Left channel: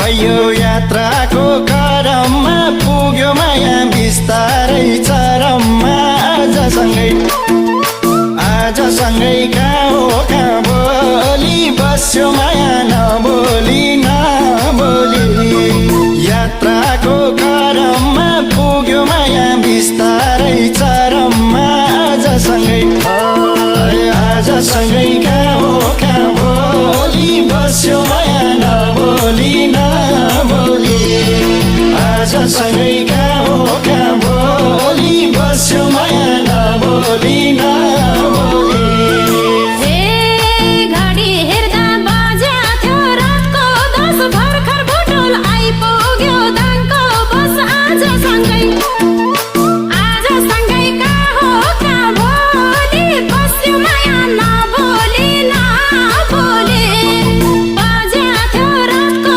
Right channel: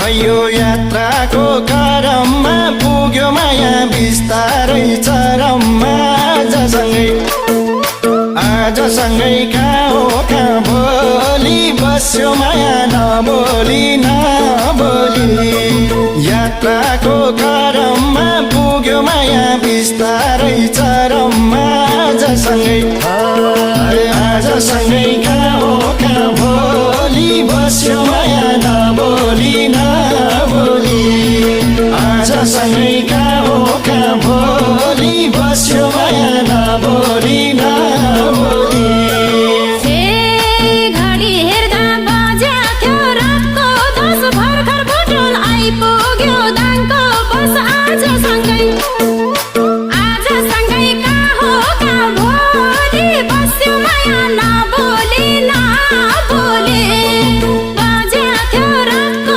भयो यात्राको क्रममा पुग्यो माया बिस्तारै चरममा आजसँगै कहाँ बोली बस्यो माया नबोली यात्राको क्रममा पुग्यो माया बिस्तारै चरममा आजसँगै कहाँ बोली बस्यो माया नबोली आजसँगै कहाँ